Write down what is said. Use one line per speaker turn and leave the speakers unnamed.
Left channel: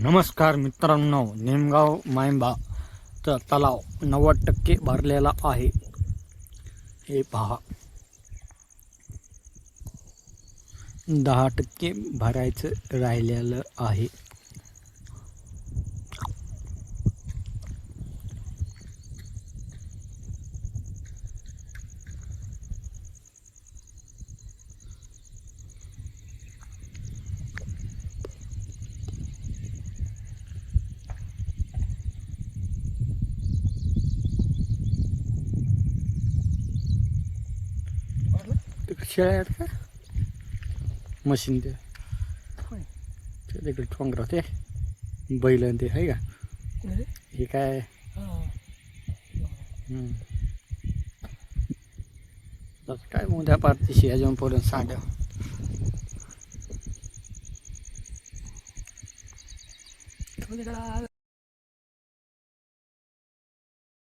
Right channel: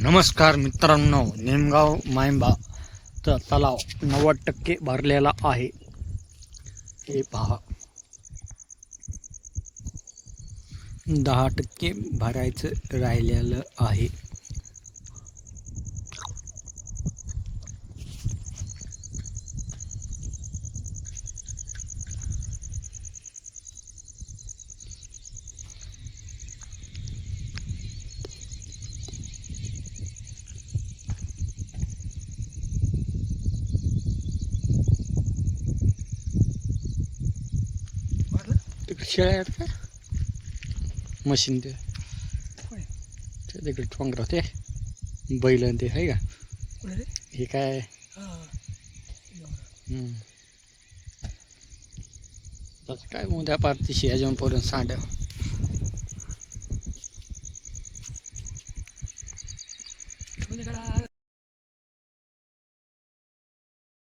नमस्कार मित्रांनो नेमगाव मायंबाचा तलाव नव्वद टक्के भरलेला आहे. हे पहा. दहा टक्के भरायचं राहिलेलं आहे. तिकडे शेळ्या आहेत का? मशीन ते. तिकडे ठोंगरा ते. बैल ते आहे का? हे काय. आता काय उद्या पारतीशी ह्याच्यावर पर्यंत सांड्या.